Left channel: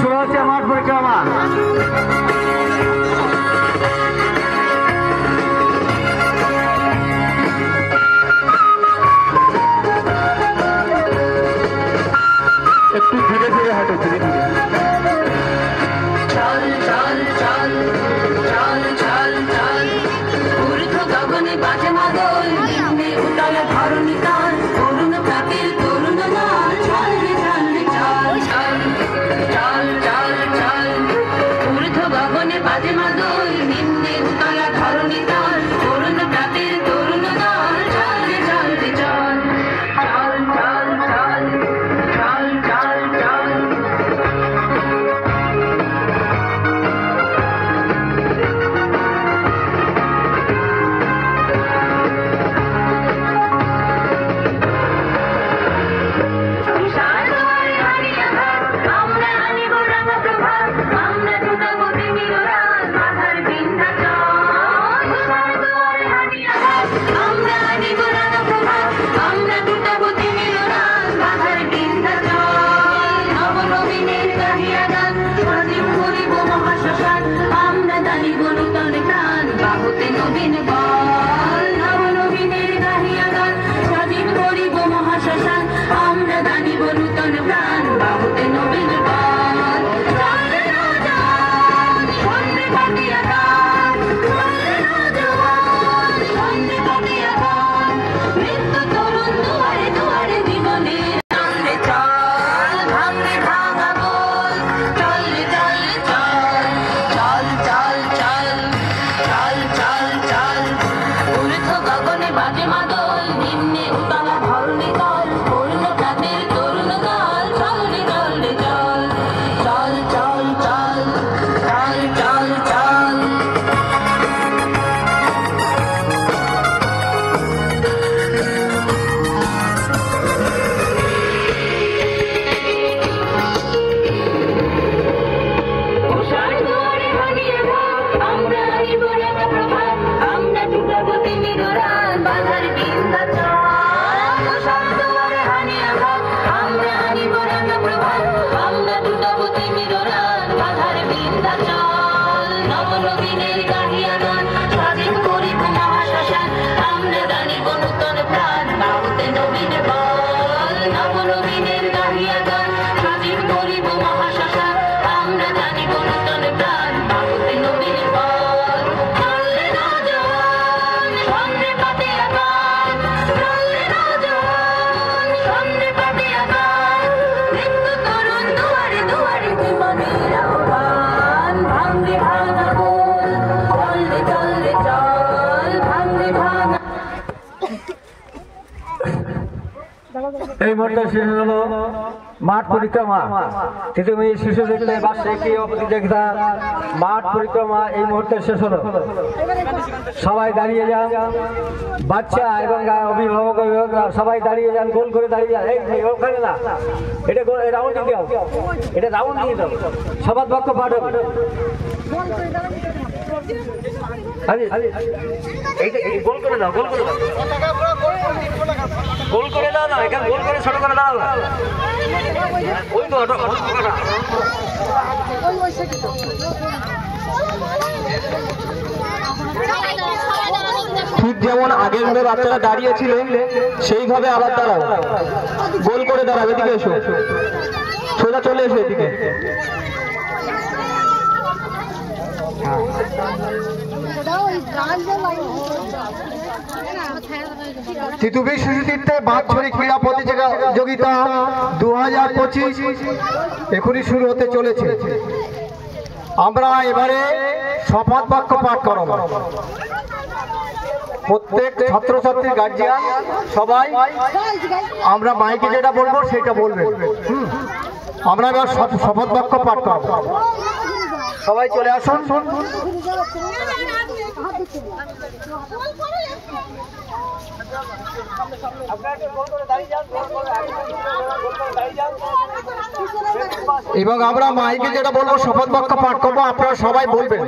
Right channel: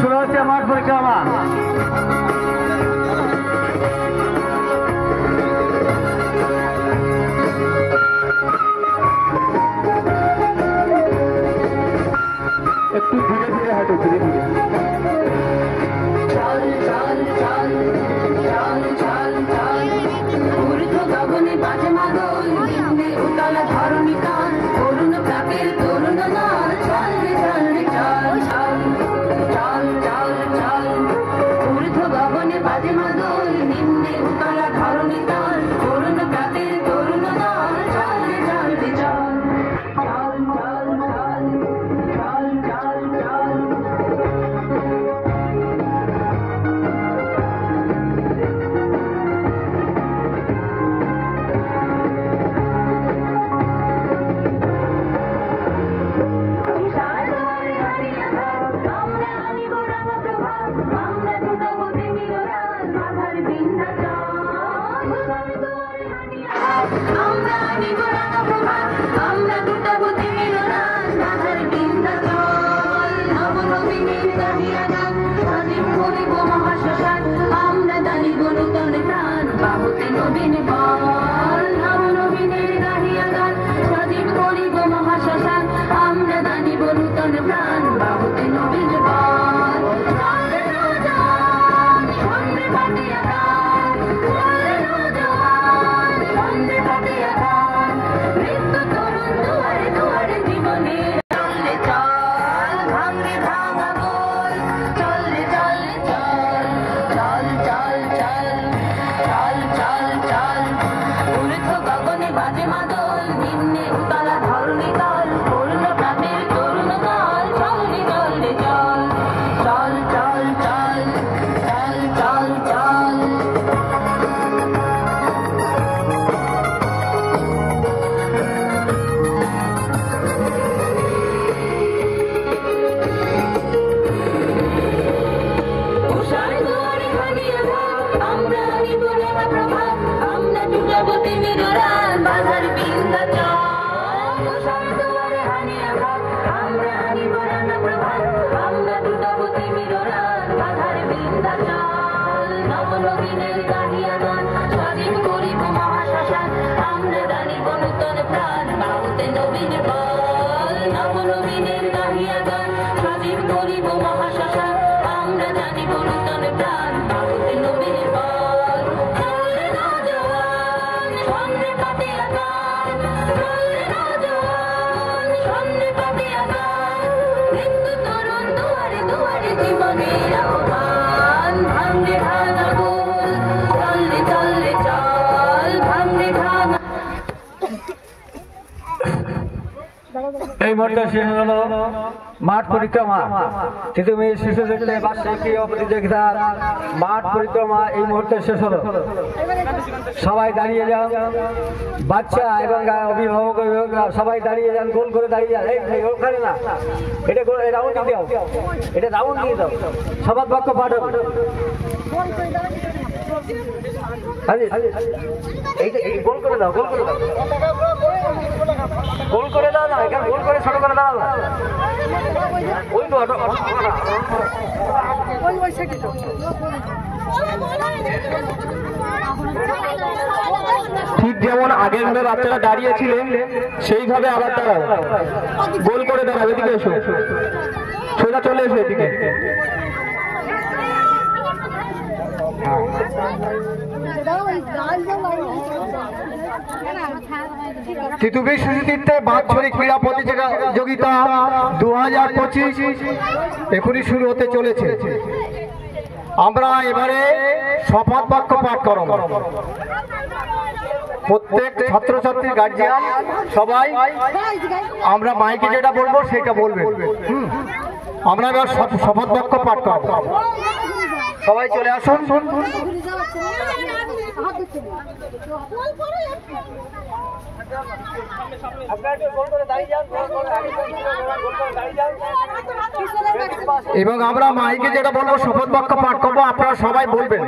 শুরু হচ্ছে মাঠ পরিক্রমা। একটু ধীরে ধীরে হাঁটো, ধীরে ধীরে। চল চল চল চল চল চল ঊর্ধ্ব গগনে বাজে মাদল, নিম্নে উতলে ধরণী তাল, অরুণ প্রাতের তরুণ দল। চল রে চল রে চল চল চল চল চল ঊর্ধ্ব গগনে বাজে মাদল, নিম্নে উতলে ধরণী তাল, অরুণ প্রাতের তরুণ দল। চল রে চল রে চল চল চল চল চল চল চল। এই মুহূর্তে শেষ হলো মাঠ পরিক্রমা। তুমি শিশু দেখলে বার্ষিকী প্রতিযোগিতা মাঠ পরিক্রমা এই মুহূর্তে শেষ হলো। সবাই দাঁড়িয়ে যান, বাচ্চা এবং অভিভাবক সবাই দাঁড়িয়ে যান, গোল করে দাঁড়িয়ে যান। এই ওখানে না, এটা রাউন্ড দিয়ে দাও, এটা রাউন্ড দিয়ে দাও, সবার পক্ষ পাঠ হবে। গোল করে দাও, গোল করে দাও, গোল করে দাও না, এখানে গোল করে ছোট করে দাও না। ওই তো ঠিক যেমন আগের মধ্যে বাচ্চারা দাঁড়িয়েছিলেন সেইভাবে আবার দাঁড়াও, গোল করে দাঁড়াও। এদিকে এসো, সোজা চলে এসো এদিকে। তিতুবি শিশুতীর্থে বাৎসরিক ক্রীড়া প্রতিযোগিতা 2025 এখনই শুরু হতে চলেছে। আমরা এবারে শপথ বাক্য পাঠ করব। প্রত্যেক ছাত্রছাত্রী গার্জিয়ান সবাই আমরা মাইকে যেটা বলবো সেটা বলবেন। আমরা এবার শপথ বাক্য পাঠ করব। সবাই চলে আসুন। এবং আমরা মাইকে যেটা বলবো শপথ বাক্য পাঠ করবো, আপনারা সবাই বলবেন।